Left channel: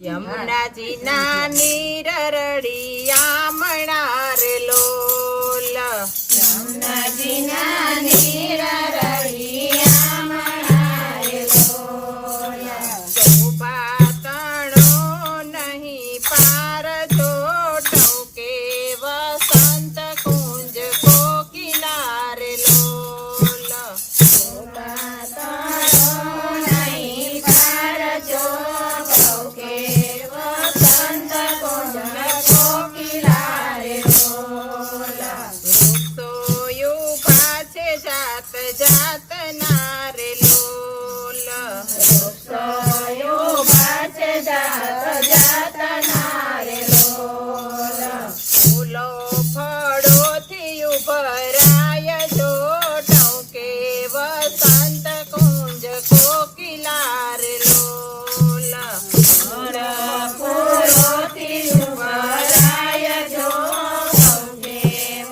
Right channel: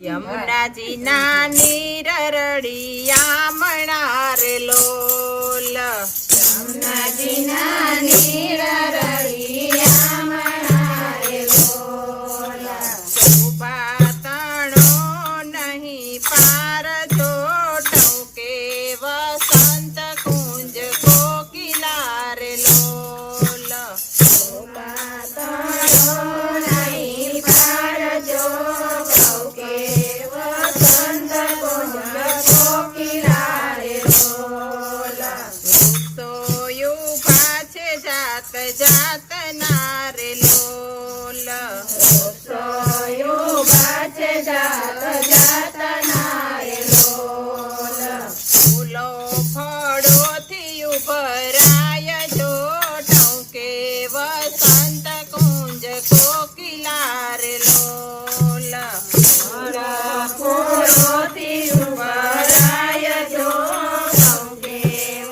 યમુનાજી ના નીર રળિયામણા રે લોલ. યમુનાજી ના નીર રળિયામણા રે લોલ. શોભા તણો નહીં પાર તો ટોકે વસંત કુંજ કોકિલા રે લોલ. શોભા તણો નહીં પાર જો ટોકે વસંત કુંજ કોકિલા રે લોલ. વૃક્ષો યુભા છે જાત જાતના રે લોલ. વૃક્ષોયુભા છે જાત જાતના રે લોલ. ફૂલો ફળોથી ઉભરાય જો ટોકે વસંત કુંજ કોકિલા રે લોલ. ફૂલોથી ઉભરાય જો ટોકે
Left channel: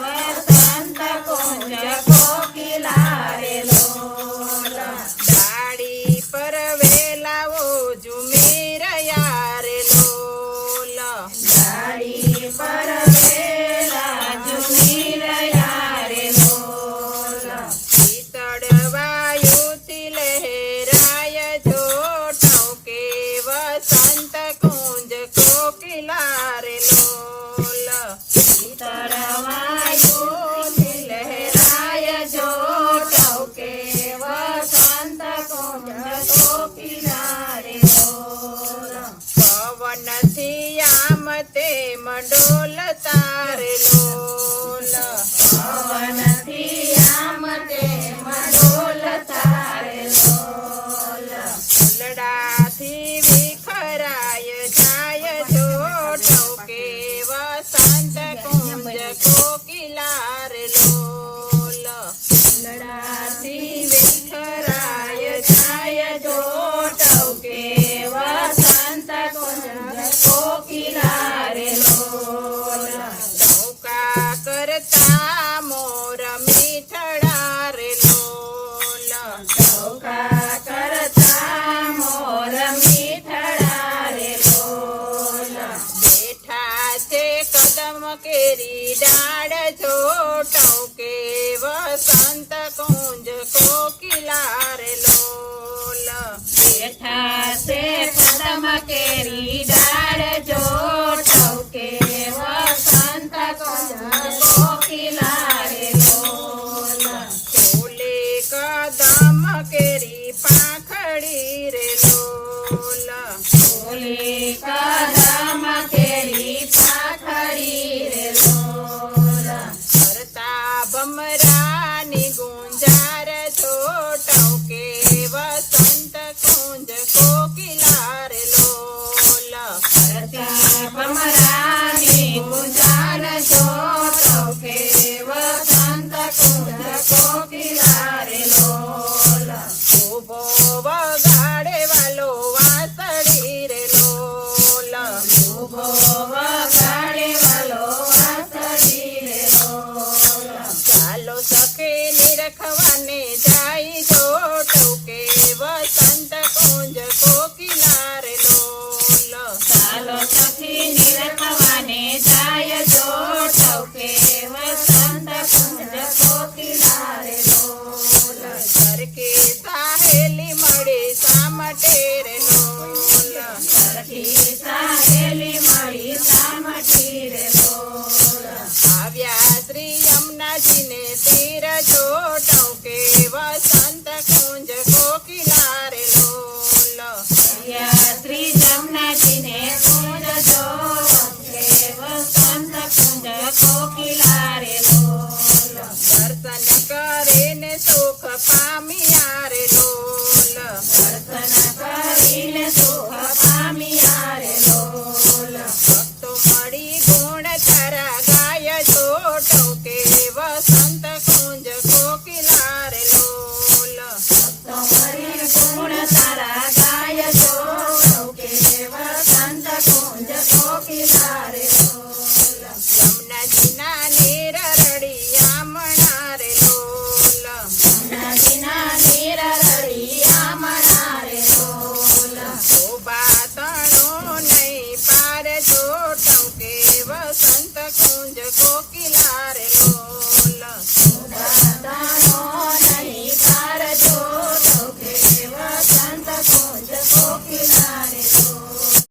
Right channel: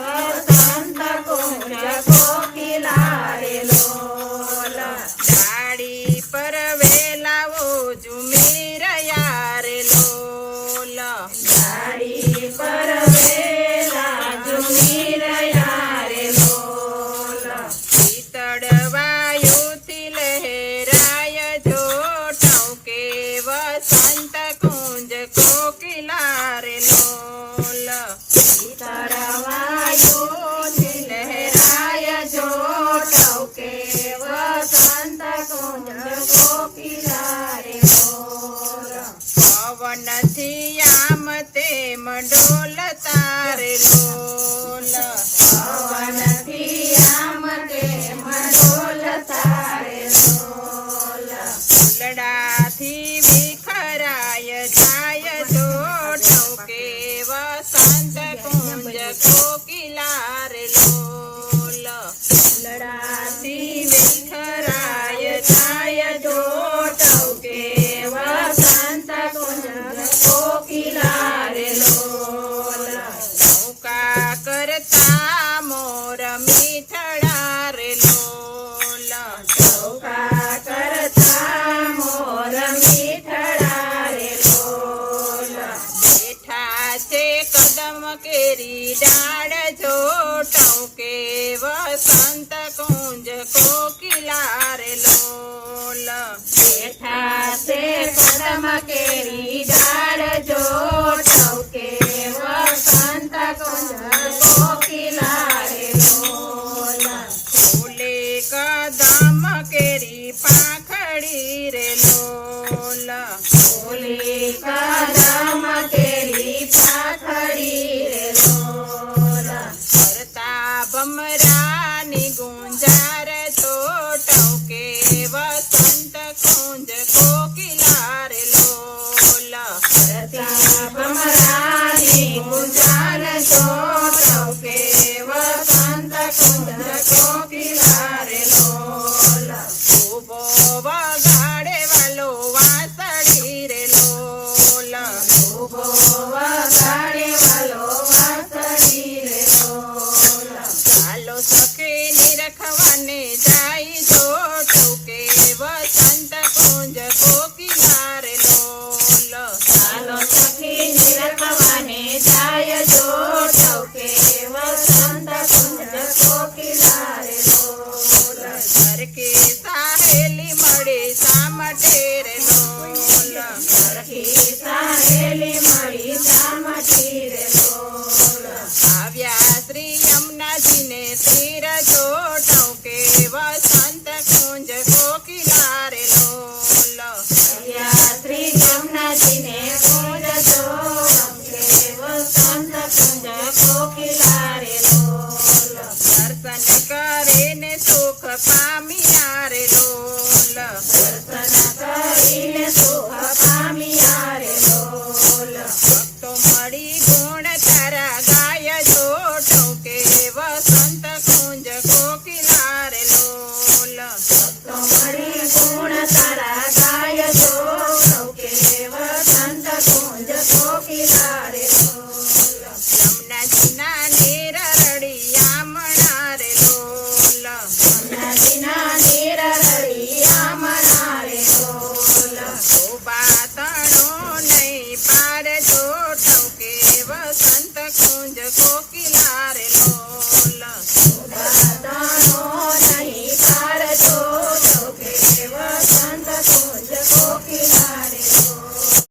વસંત કુંજ કોકિલા રે લોલ. ડાળી પર વેલાઓ ઝૂમી રહ્યા રે લોલ. ડાળી પર વેલા ઝૂમી રહ્યા રે લોલ. શીતળ વાયુથી લહેરાય જો ટોકે વસંત કુંજ કોકિલા રે લોલ. શીતળ વાયુથી લહેરાય જો ટોકે વસંત કુંજ કોકિલા રે લોલ. પવનથી આમ તેમ ડોલતા રે લોલ. પવનથી આમ તેમ ડોલતા રે લોલ. ફૂલડાથી વિખરાય જાય જો ટોકે વસંત કુંજ કોકિલા રે લોલ. લડાથી વિખરાય જાય જો ટોકે વસંત કુંજ કોકિલા રે લોલ. નૌકા કરતા મોર મીઠડા રે લોલ. ટોકા કરતા મોર મીઠડા રે લોલ. બેઠા છે કદમ કેરી ડાળ જો ટોકે વસંત કુંજ કોકિલા રે લોલ. બેઠા છે કદમ કેરી ડાળ જો ટોકે વસંત કુંજ કોકિલા રે લોલ. ફૂલે કદમ કેરી પાંખડી રે લોલ. ફૂલી કદમ કેરી પાખડી રે લોલ. કરતા ભમરાની ગુંજાર તો ટોકે વસંત કુંજ કોકિલા રે લોલ. વસંત કુંજ કોકિલા